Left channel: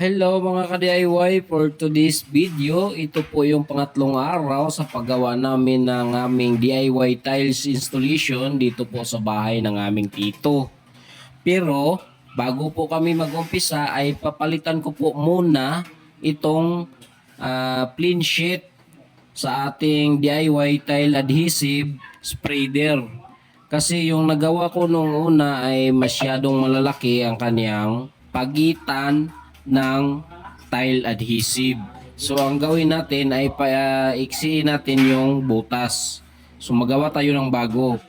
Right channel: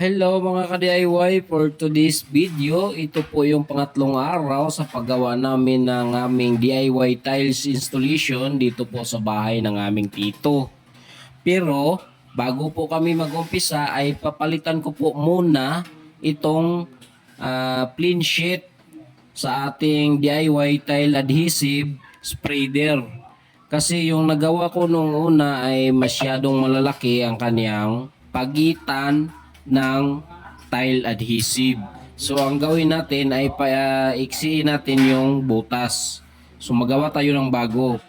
Hello mga ka-DIY, for today's video, ito po yung pangatlong araw sa paggawa namin ng aming DIY tiles installation dito po sa bahay ng aming tito. Pero bago po kami mag-umpisa ay papalitan ko po muna itong plain sheet sa ating DIY tile adhesive spreader. Kasi yung nagawa ko nung una ay masyadong malalaki ang kanyang pagitan ng tile adhesive. So ang gawin natin ay paiksiin natin yung butas. So magawa tayo ng bago.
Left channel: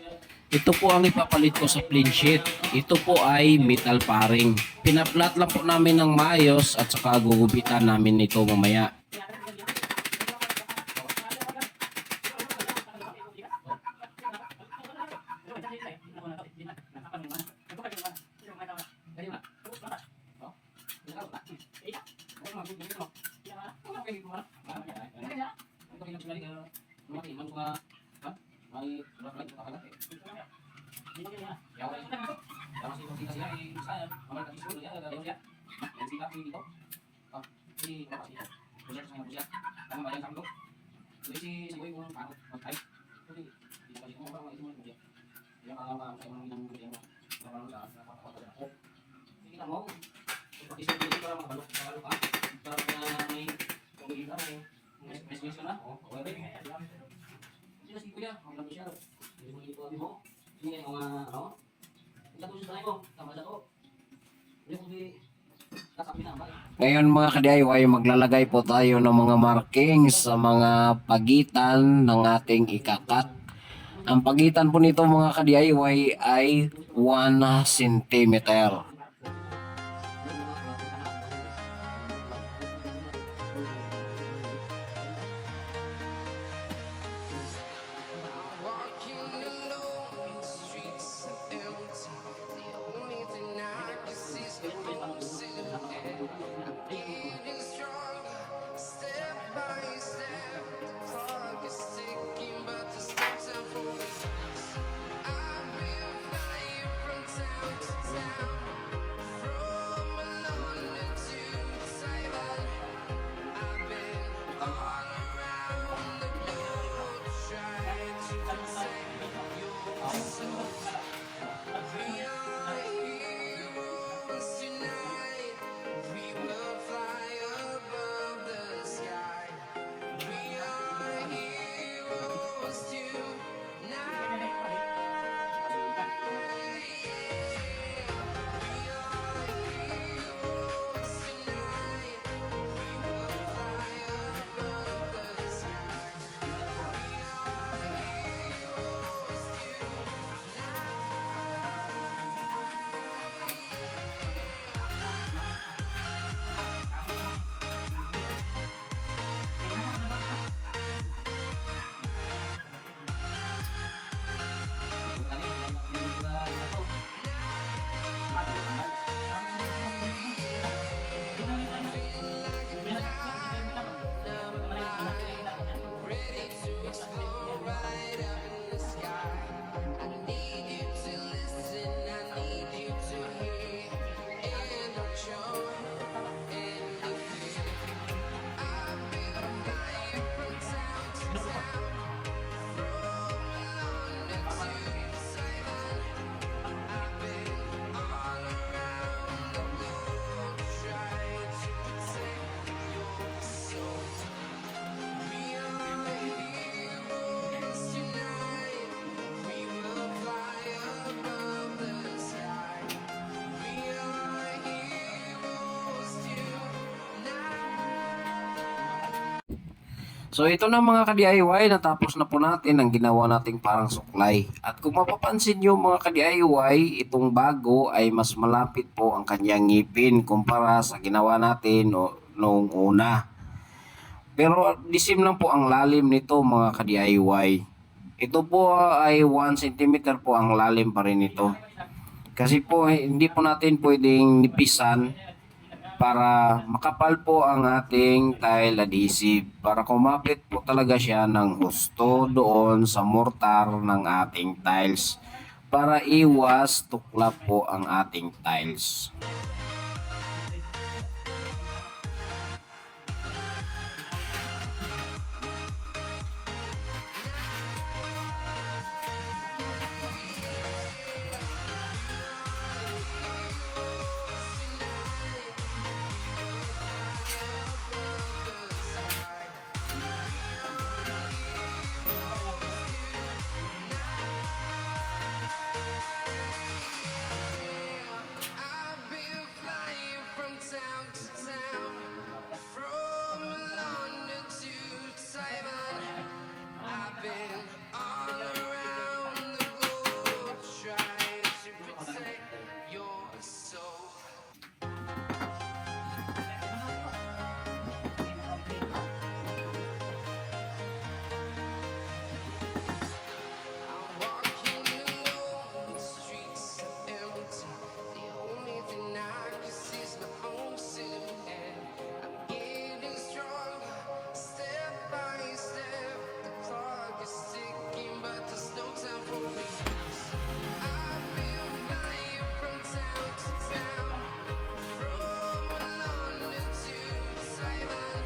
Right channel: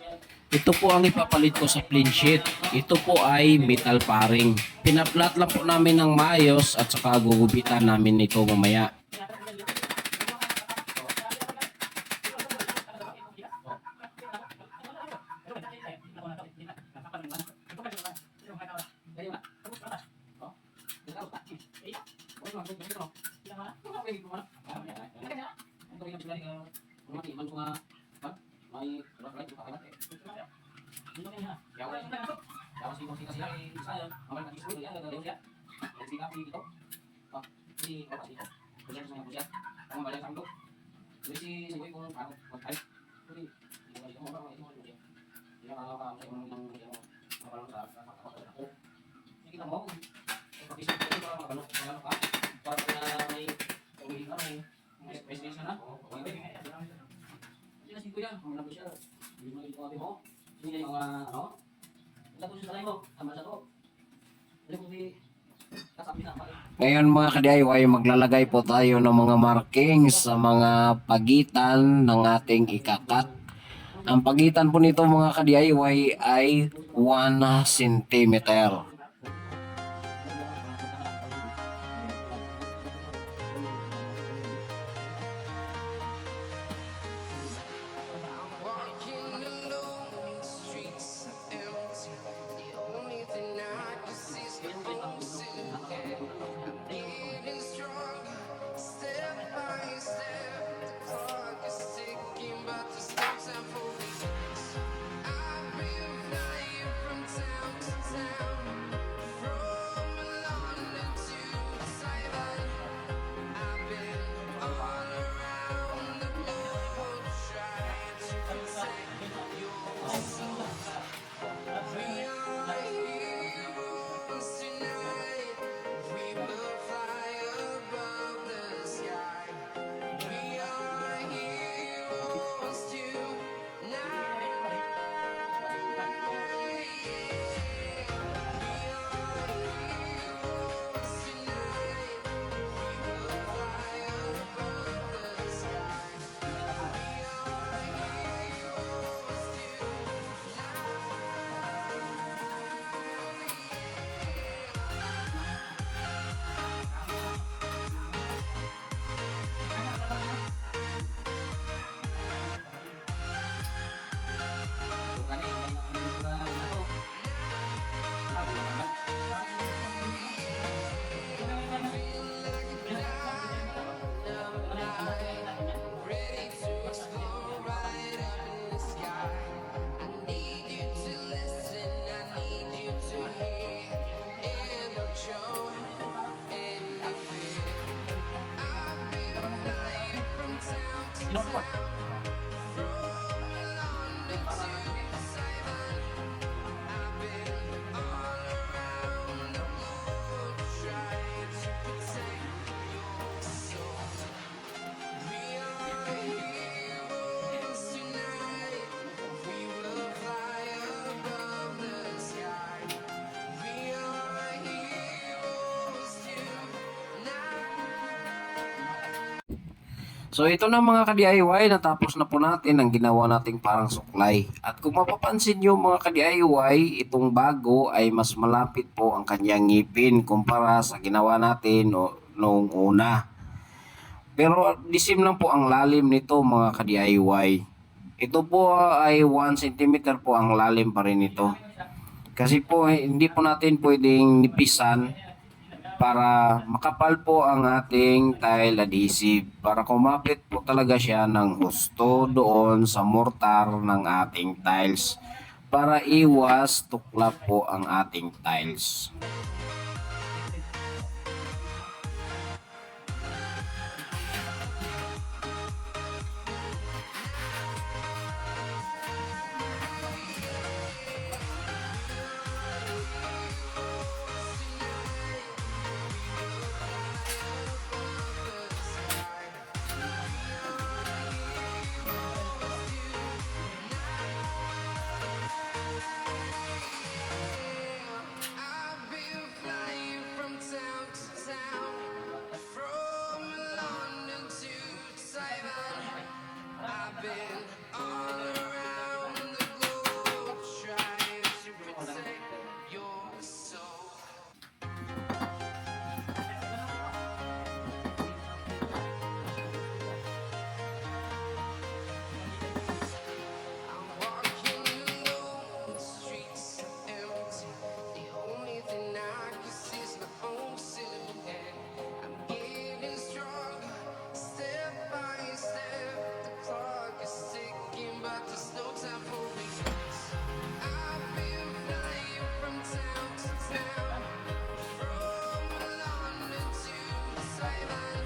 Ito po ang ipapalit ko sa plain sheet. Ito po ay metal paring. Pinaplat lang po namin ng maayos at saka gugupitan namin ito mamaya. Ngayon mga ka-DIY, maglalagay po tayo ng mga markings sa mga pagitan ng ating ikakat. Ang pagitan po nito mga ka-DIY ay 1 centimeter. So ito na mga ka-DIY, natapos na po natin ang ginawa nating parang suklay. At kung mapapansin nyo mga ka-DIY, itong bago ay mas malapit po ang kanyang ngipin kumpara sa ginawa natin noong una. Pero disim lang po ang lalim nito mga ka-DIY. Ito po ay 1 cm po ang lalim pa rin ito. Kasi po hindi po natin pwedeng nipisan para makapal po ang ating tile adhesive, para kumapit po talaga siya ng husto doon sa mortar ng ating tiles para iwas tuklap po ang ating tiles. town to town, from London to Thailand. I've been all around the globe trying to protect your soul. I'm walking alone, the streets are empty. The only thing I can see is my own silhouette. I'm getting stronger, step by step. The clock is ticking, but there's no time for me. I've been flying from town to town, from London to Thailand.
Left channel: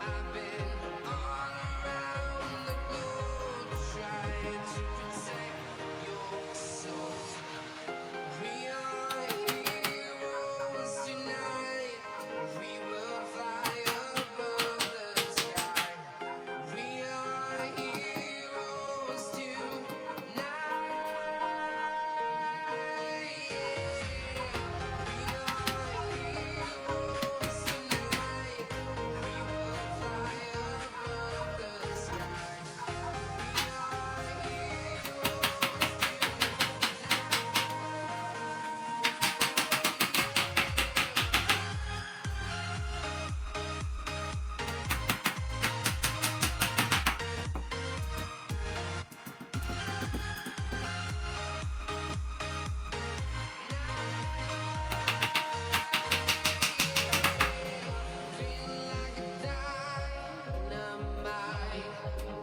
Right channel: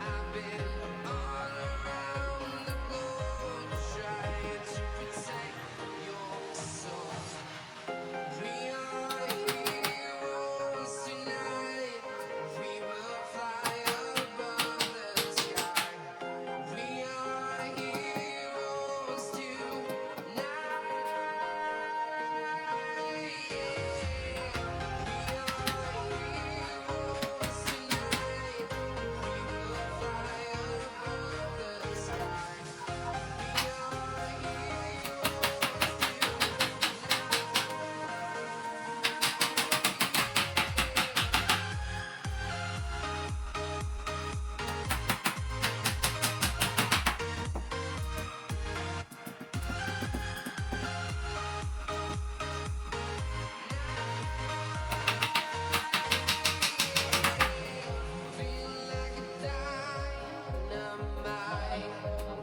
I've been all around the globe trying to protect your soul. We are heroes tonight. We will fly above the sky. We are heroes tonight.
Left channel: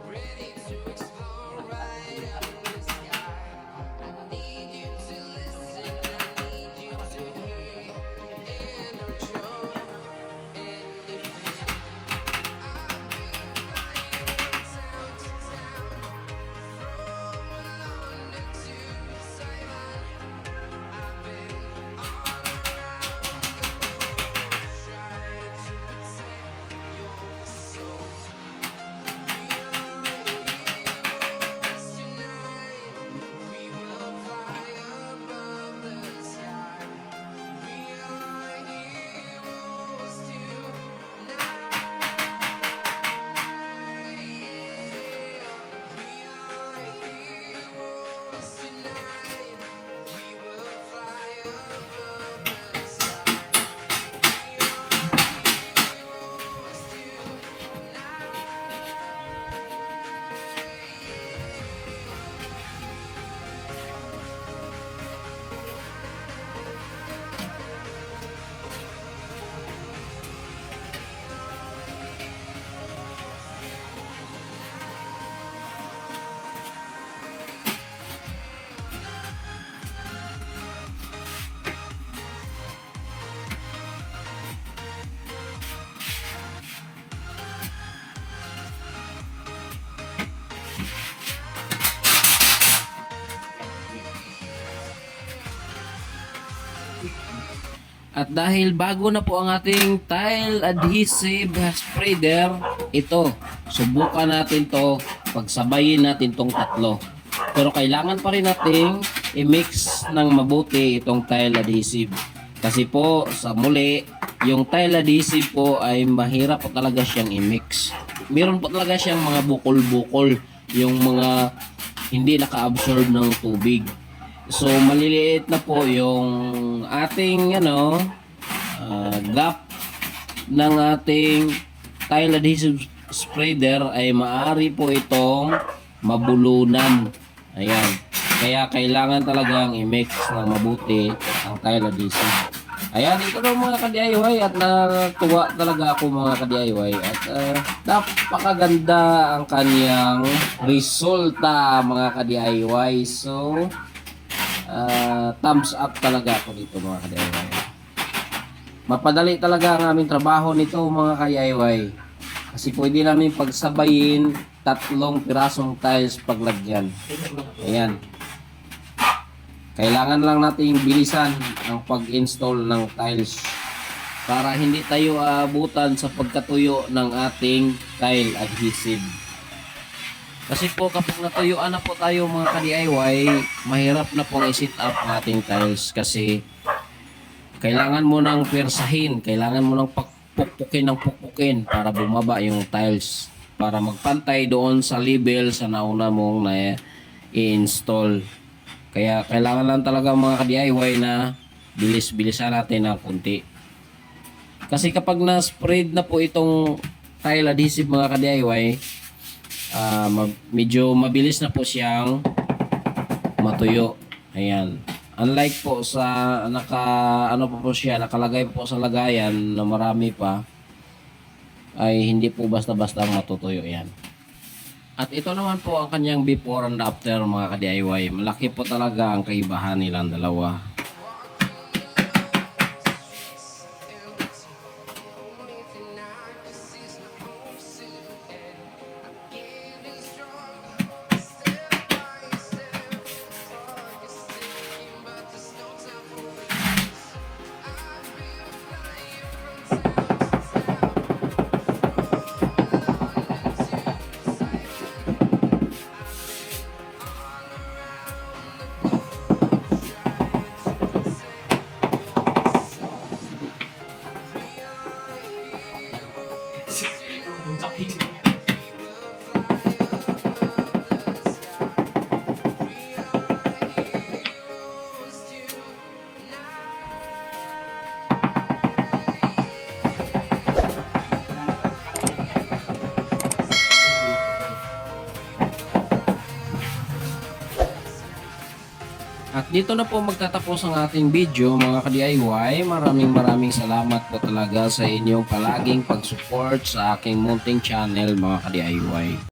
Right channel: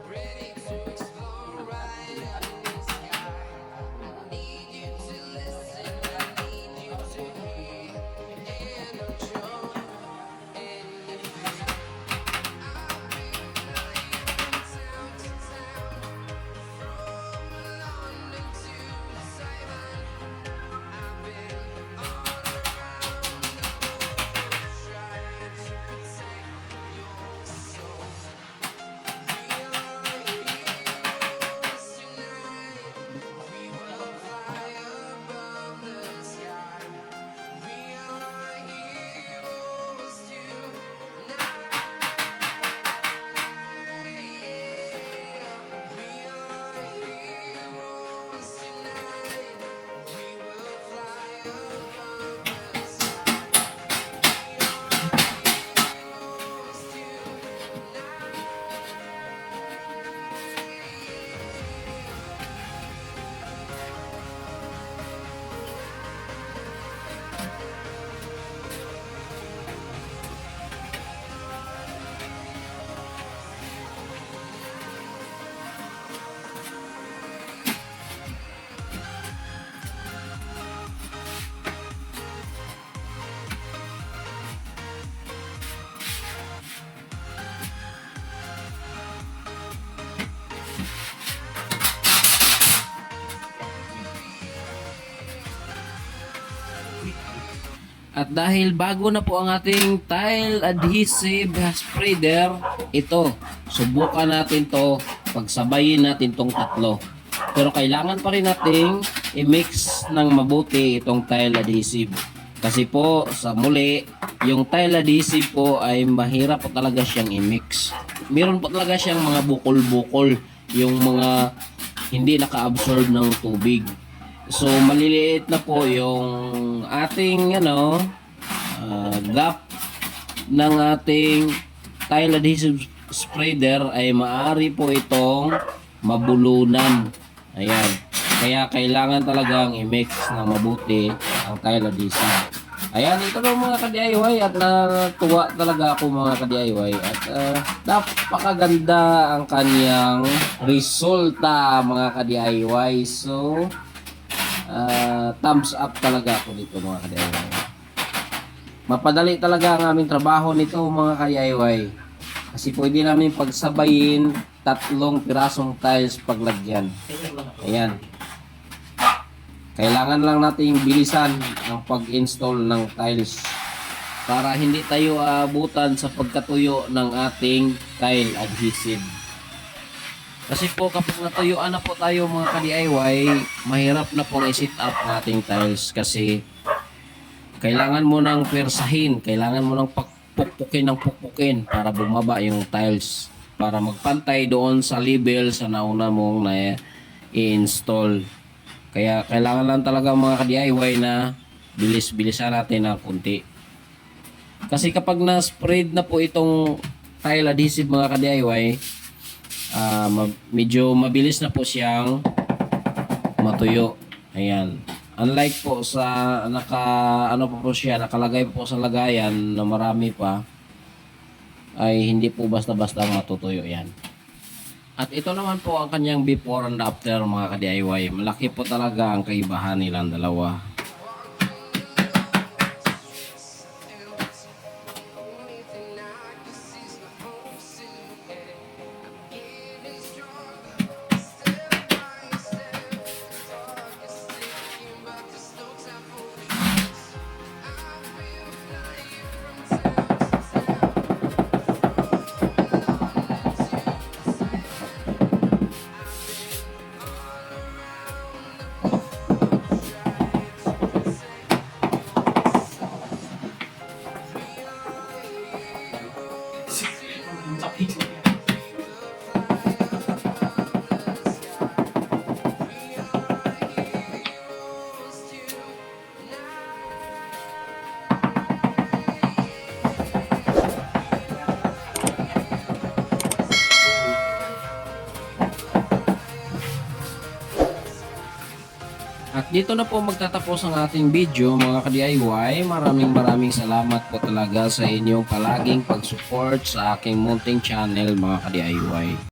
Ready to explore right up in the sky. I need you to listen, I need you to hear, and don't show any fear. I've been flying from town to town, from London to Taiwan. I've been all around the globe trying to protect your soul. We are heroes tonight. We will fly above the sky. We are heroes tonight. We are heroes tonight. We will fly above the sky. We are At dahil bago na po ang ating tile adhesive spreader, ito, subukan natin to, pagsabayin natin tong tatlo. Pero kailangan pa rin nating i-mix ng mabuti itong tile adhesive. Kasi po, sa muli, yung tile adhesive po ay mahirap po talaga siyang i-mix. Meron po talaga siyang mga bukol-bukol, yung mga hindi naka-absorb ng tubig. So maliliit na po yung ating gap ng ating tile adhesive spreader ay maaari po itong mabulunan. Ayan. Kaya kailangan talagang i-mix ng mabuti ang tile adhesive. Ayan, ito na mga ka-DIY at natuwa talaga ako mga ka-DIY at napakaganda ang kanyang resulta mga ka-DIY. So thumbs up talaga ako dito mga ka-DIY. Mapadali talaga ang aming trabaho nito mga ka-DIY. Kasi pwede namin pagsabayin 3 pirasong tiles paglagyan. Ayan. Kailangan lang nating bilisan ang pag-install ng tiles para hindi tayo abutan sa pagkatuyo ng ating tile adhesive. Kasi po kapag natuyuan na po tayo mga ka-DIY, mahirap na pong i-set up ating tiles kasi kailangan mo nang persahin, kailangan mo nang pukpukin para bumaba yung tiles para magpantay doon sa level sa nauna mong na i-install. Kaya kailangan lang talaga mga ka-DIY na bilis-bilisan natin ng kunti. Kasi kapag na-spread na po itong tile adhesive mga ka-DIY, medyo mabilis na po siyang matuyo. Ayan. Unlike po sa nakalagay po sa lagayan na marami pa, ay hindi po basta-basta matutuyo yan. At ito naman po ang kanyang before and after mga ka-DIY. Malaki po talaga ang kaibahan nilang dalawa. Only thing I can see is my own silhouette. I'm getting stronger, step by step. Clock is ticking, but there's no time for me. I've been flying from town to town, from London to Siberia. I've been all around the globe trying to protect your soul. We are heroes tonight. We will fly above the sky. We are heroes tonight. At dito na po magtatapos ang ating video mga ka-DIY. Maraming salamat po talaga sa inyong palaging pag-support sa aking munting channel mga ka-DIY.